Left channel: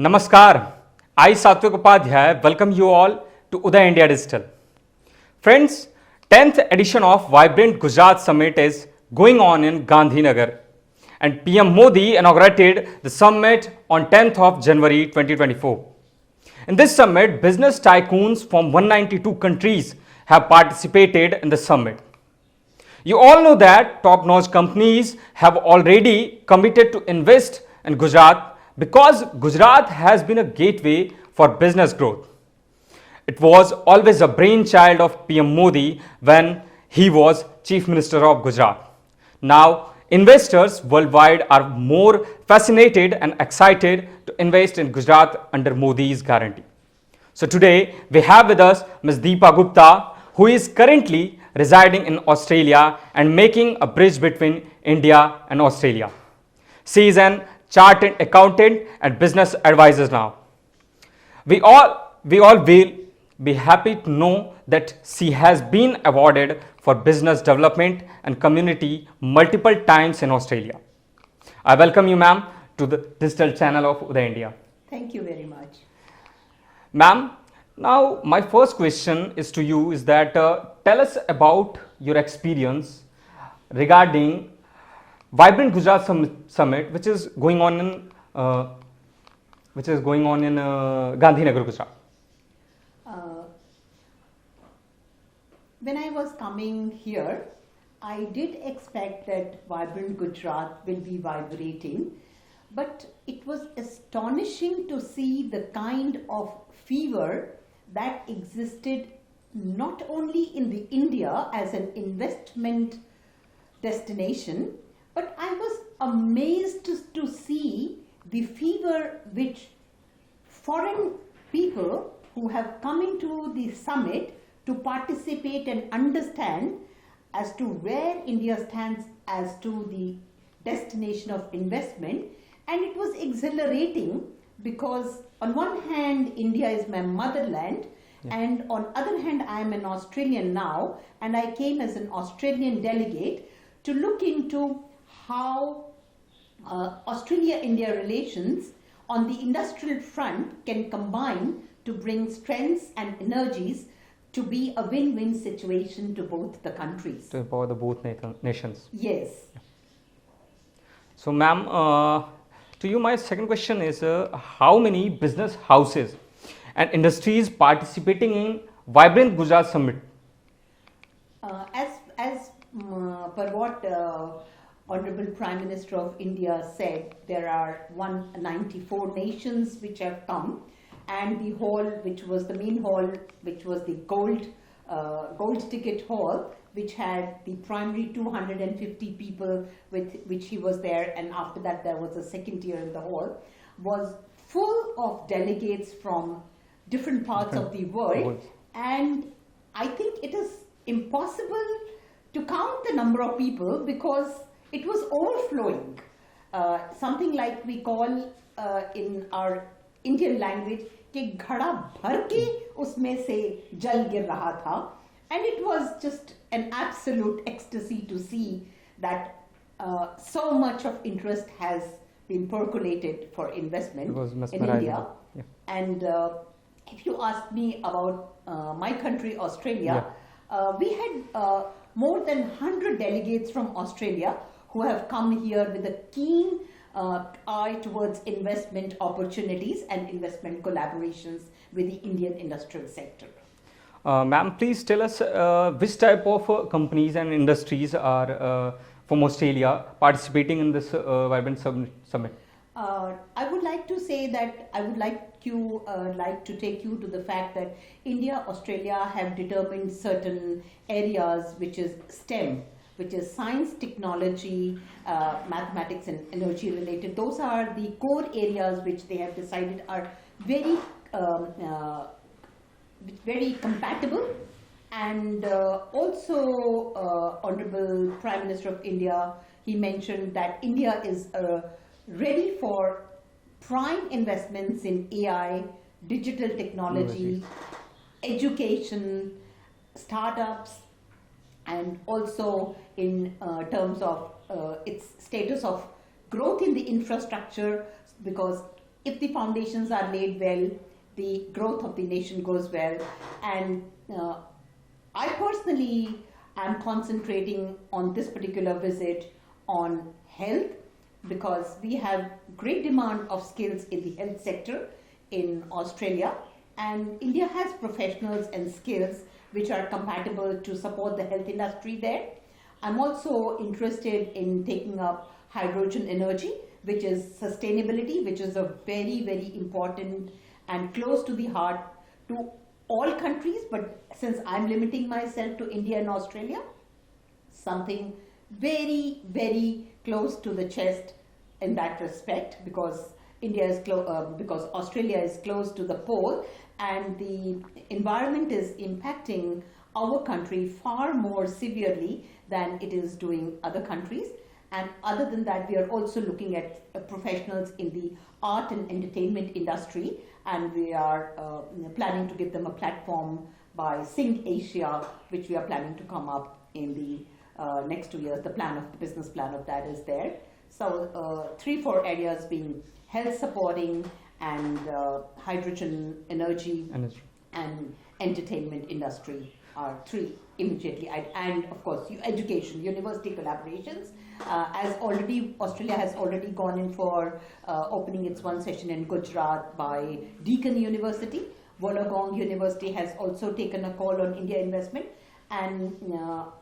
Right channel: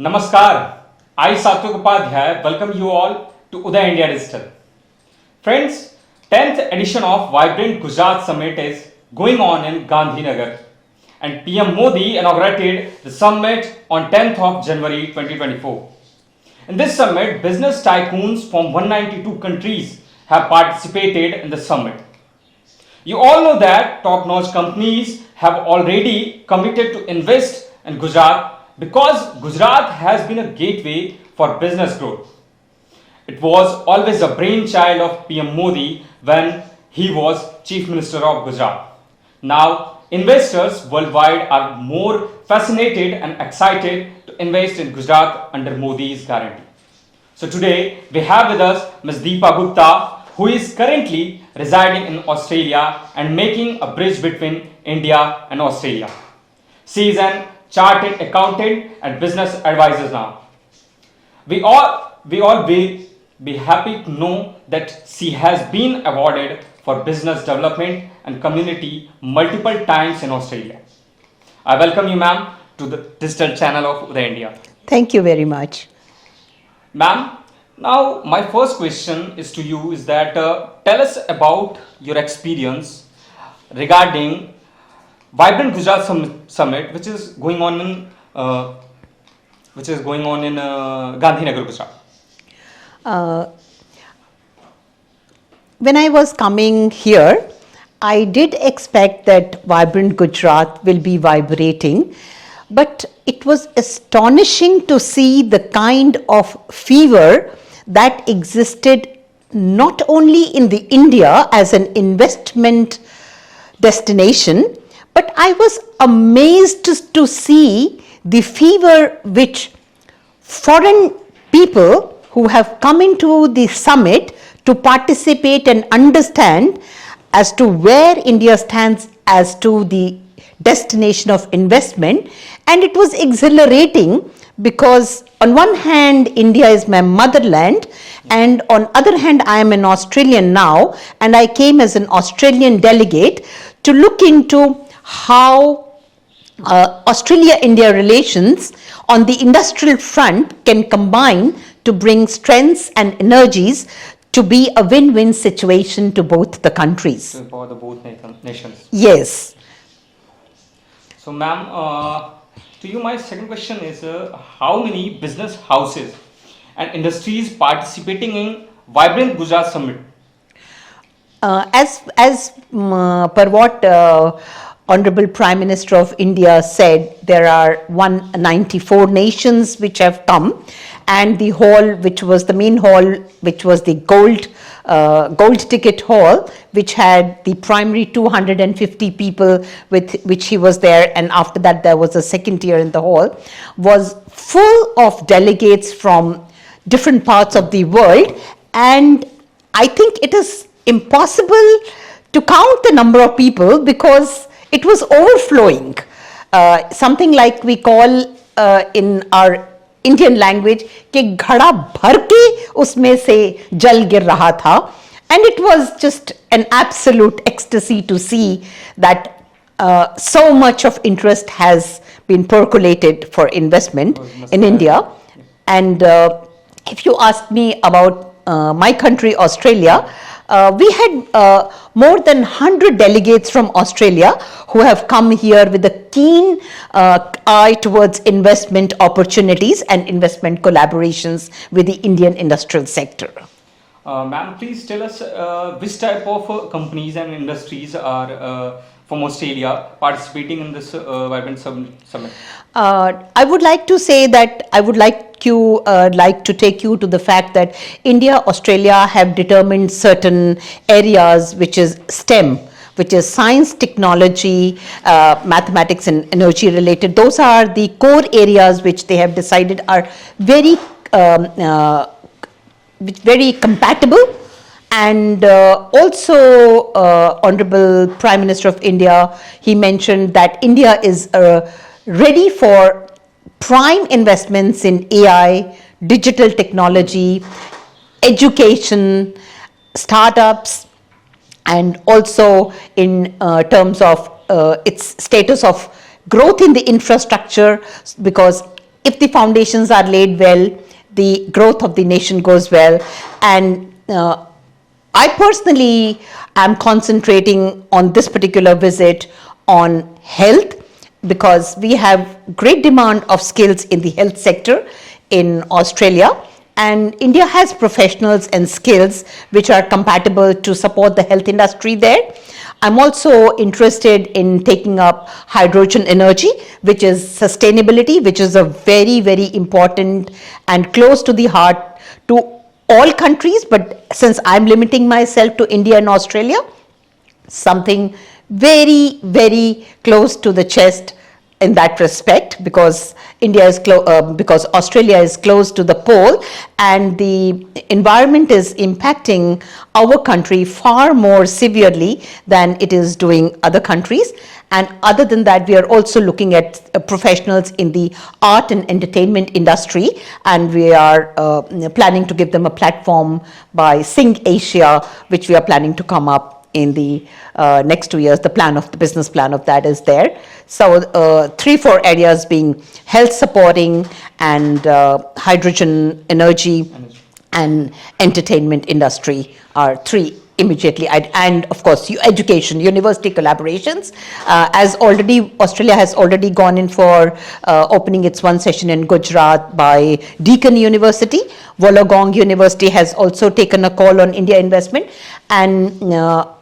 Namaskar, I Satvik Upadhyay welcome you all to Uday India Digital. Friends, 10th edition of Vibrant Gujarat Summit is going on in Gandhinagar and PM Modi inaugurated the summit on 10th of January 2024. In this summit, business tycoons from 192 countries have participated in the summit. You all know that top-notch companies have already committed to invest in Gujarat because Gujarat has been a gateway for business growth. It was always a brainchild of PM Modi when he was Chief Minister of Gujarat. Now, investors worldwide are more fascinated and excited to invest in Gujarat under Modi's guarantee. So today, we have with us Ms. Deepa Gupta, who is currently residing in Australia and making a bridge between India and Australia. She is an chartered accountant and business advisor now. We all will be happy to know that she has been awarded for business development and community multiple times in Australia. I welcome you, ma'am, to the digital channel of Uday India. Thank you very much. Ma'am, now my first question is to you is that tell us about your experience regarding Vibrant Gujarat Summit, which is going on in Gandhinagar, Gujarat. When I was coming here, I did expect that Vibrant Gujarat will be vibrating, but it was astonishing to see the kind of fever that existed not only in the India as an investment destination, but I was amazed to see the fever which foreign people who have come into the summit to participate and understand as to where India stands as to the destination of investment. And it was exhilarating because on one hand, India is my motherland, and on other hand, I am an Australian now, and I came as an Australian delegate to look into how Australia-India relations on the industrial front can combine to bring strengths and energies to be a win-win situation to both the countries. For the both nations. Yes. So, ma'am, to you, my second question is how many business houses and industries participating in Vibrant Gujarat Summit? As per what Honorable Prime Minister of India said, there are 194 nations which have come, and the hall, which was the main hall, which was the gold ticket hall, which had the primary 250 people with which he was there, and after that there was a second tier in the hall, was full of delegates from different parts of the world, and I think it is impossible to count the number of people because it was overflowing. Something like we call in our Indian language कि घड़ा भर के उसमें से जल गिर रहा था, and it was just an absolute ecstasy to see that so much of interest has been percolated for investment in India. And if you ask me about my country, Australia, we had more than 100 delegates from Australia who have come here with a keen eye towards investment opportunities and investment collaborations with the Indian industrial sector. Ma'am, please tell us which type of companies and industries are from Australia participating in this Vibrant Summit? I would like to say that I would like to take you to the fact that India, Australia have determined certain areas which is STEM, which is science, technology, mathematics and energy related. Those are the core areas which they have decided are very compatible. And also Honorable Prime Minister of India, he mentioned that India is ready for prime investments in AI, digital technology, education, startups, and also in terms of its status of growth in the infrastructure, because if the foundations are laid well, the growth of the nation goes well. And I personally am concentrating on this particular visit on health, because we have great demand of skills in the health sector in Australia, and India has professionals and skills which are compatible to support the health industry there. I'm also interested in taking up hydrogen energy, which is sustainability, which is a very, very important and close to the heart to all countries. But since I'm limiting myself to India and Australia, something very, very close to the chest in that respect, because because Australia is close to the pole, and the environment is impacting our country far more severely than it is doing other countries. And other than that, we are also looking at professionals in the art and entertainment industry, and we are planning to give them a platform by Sing Asia, which we are planning to come up in the next 2 years. The business plan of that is there. So 3-4 areas being health supporting, and hydrogen energy and entertainment industry are 3 immediately. And of course, education, university collaborations. As already, Australia has already gone in for opening its one session in Gujarat by Deakin University. Wollongong University has also taken a call on India investment, and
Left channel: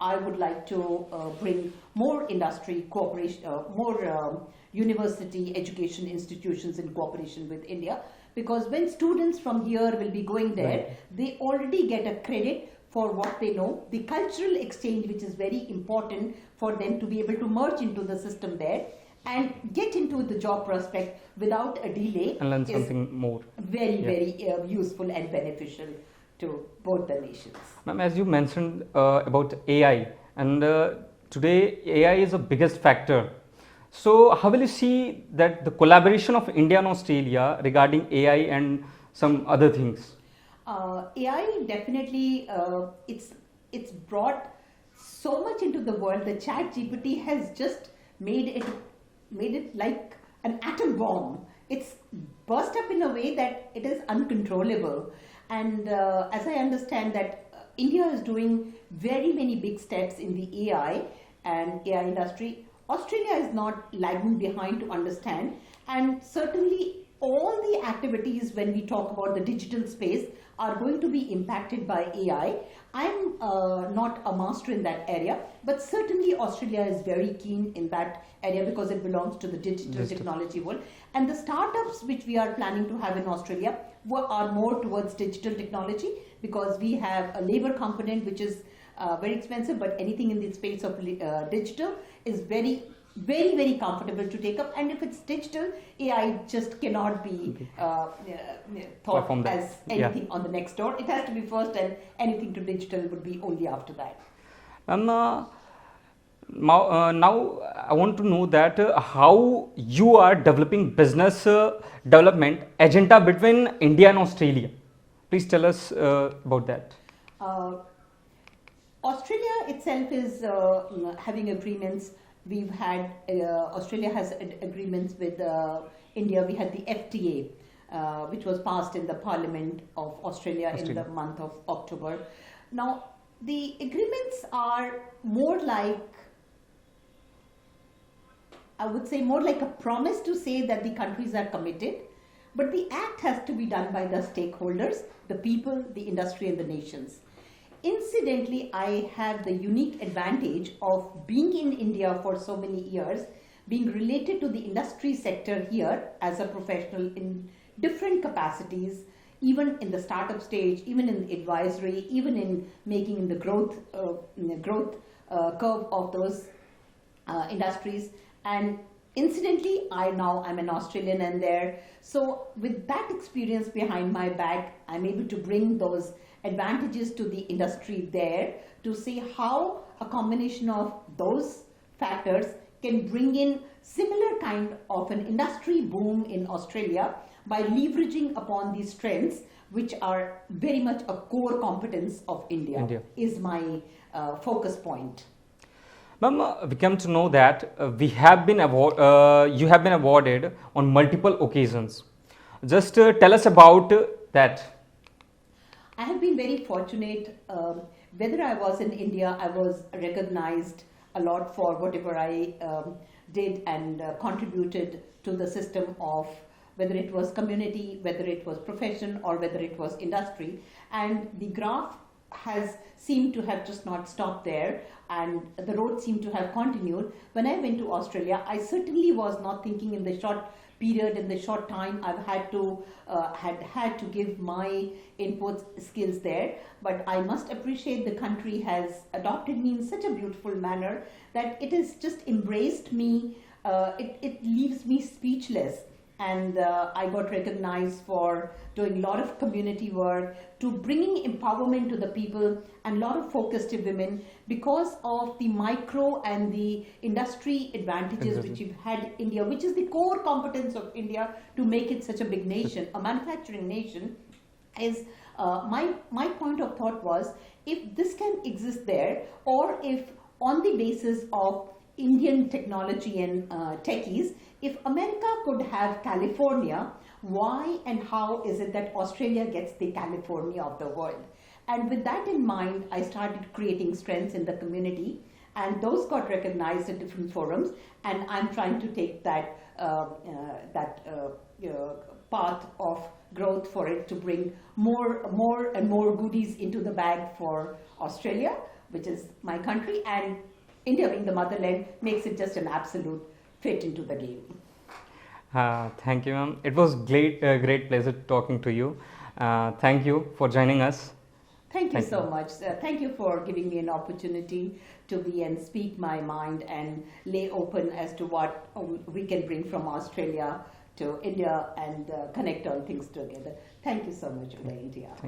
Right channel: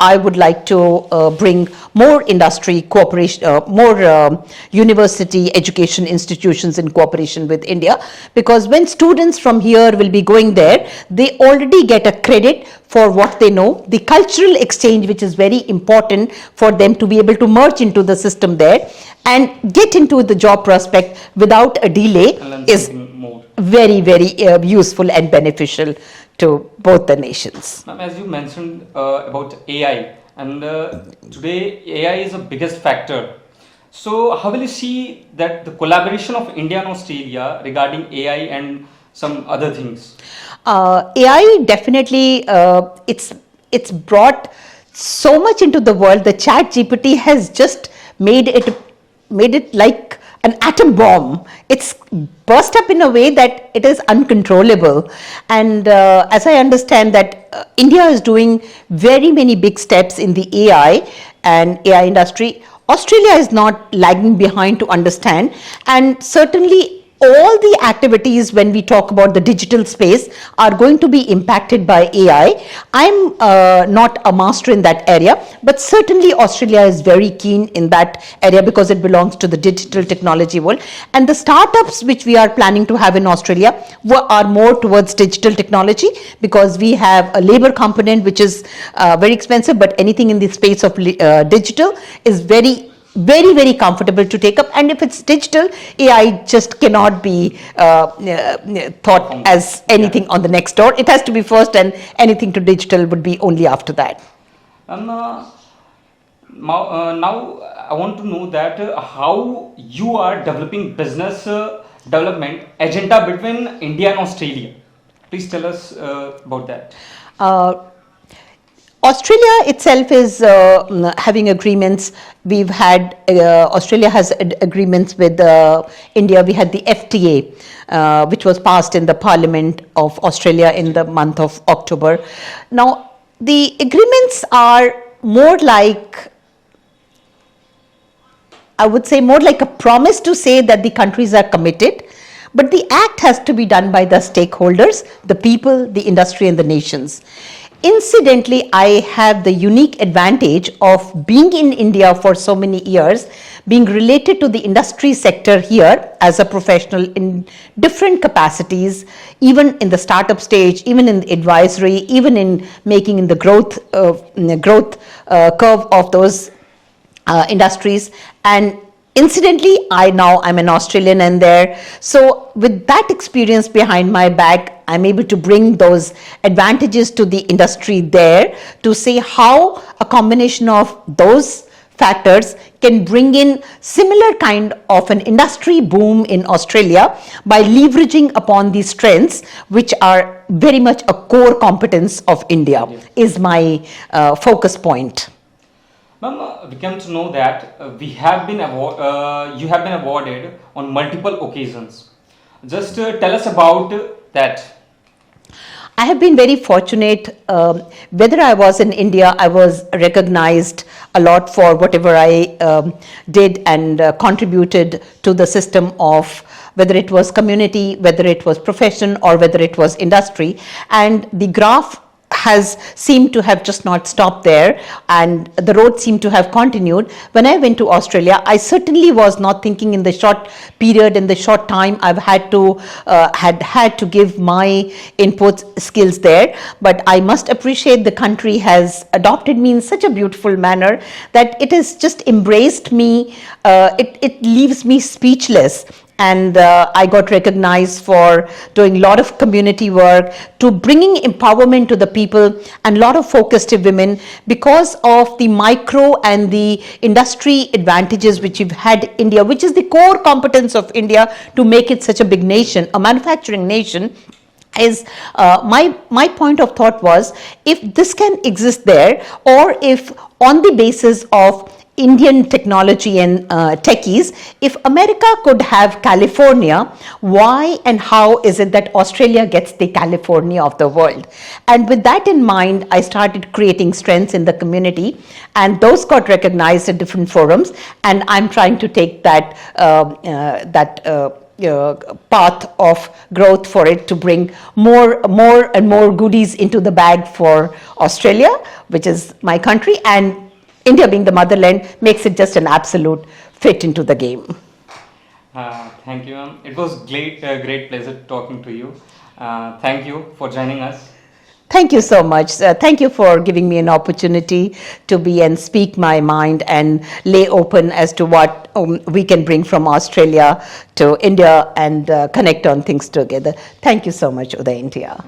I would like to bring more industry cooperation, more university education institutions in cooperation with India, because when students from here will be going there, they already get a credit for what they know. The cultural exchange, which is very important for them to be able to merge into the system there and get into the job prospect without a delay, is very, very useful and beneficial to both the nations. Ma'am, as you mentioned about AI, and today AI is the biggest factor. So how will you see that the collaboration of India and Australia regarding AI and some other things? AI definitely, it's brought so much into the world. The Chat GPT has just made it like an atom bomb. It's burst up in a way that it is uncontrollable. And as I understand that India is doing very many big steps in the AI and AI industry. Australia is not lagging behind to understand, and certainly all the activities when we talk about the digital space are going to be impacted by AI. I'm not a master in that area, but certainly Australia is very keen in that area because it belongs to the digital technology world. And the startups which we are planning to have in Australia are more towards digital technology, because we have a labor component which is very expensive, but anything in the space of digital is very, very comfortable to take up. And if it's digital, AI just cannot be thought as anything on the next door. It has to be first, and anything to digital would be only after that. Now I want to know that how you are developing business development agenda between India and Australia. Please tell us about that. Australia itself is having agreements. We've had, Australia has agreements with India. We had the FTA, which was passed in the Parliament of Australia in the month of October. Now, the agreements are more like, I would say, more like a promise to say that the countries are committed, but the act has to be done by the stakeholders, the people, the industry, and the nations. Incidentally, I have the unique advantage of being in India for so many years, being related to the industry sector here as a professional in different capacities, even in the startup stage, even in the advisory, even in making in the growth curve of those industries. And incidentally, I'm an Australian and there. So with that experience behind my back, I'm able to bring those advantages to the industry there to see how a combination of those factors can bring in similar kind of an industry boom in Australia by leveraging upon these strengths, which are very much a core competence of India, is my focus point. Ma'am, we come to know that you have been awarded on multiple occasions. Just tell us about that. I have been very fortunate. Whether I was in India, I was recognized a lot for whatever I did and contributed to the system of whether it was community, whether it was profession, or whether it was industry. And the graph has seemed to have just not stopped there, and the road seemed to have continued. When I went to Australia, I certainly was not thinking in the short period, in the short time I've had to give my input skills there. But I must appreciate the country has adopted me in such a beautiful manner that it has just embraced me. It leaves me speechless. And I got recognized for doing a lot of community work, to bringing empowerment to the people, and a lot of focus to women because of the micro and the industry advantages which you've had India, which is the core competence of India to make it such a big nation, a manufacturing nation. Is my point of thought was, if this can exist there, or if on the basis of Indian technology and techies, if America could have California, why and how is it that Australia gets the California of the world? And with that in mind, I started creating strengths in the community, and those got recognized at different forums. And I'm trying to take that path of growth for it to bring more and more goodies into the bag for Australia, which is my country, and India being the motherland makes it just an absolute fit into the game. Thank you, ma'am. It was great pleasure talking to you. Thank you for joining us. Thank you so much. Thank you for giving me an opportunity to be and speak my mind and lay open as to what we can bring from Australia to India and connect on things together. Thank you so much, Uday, India.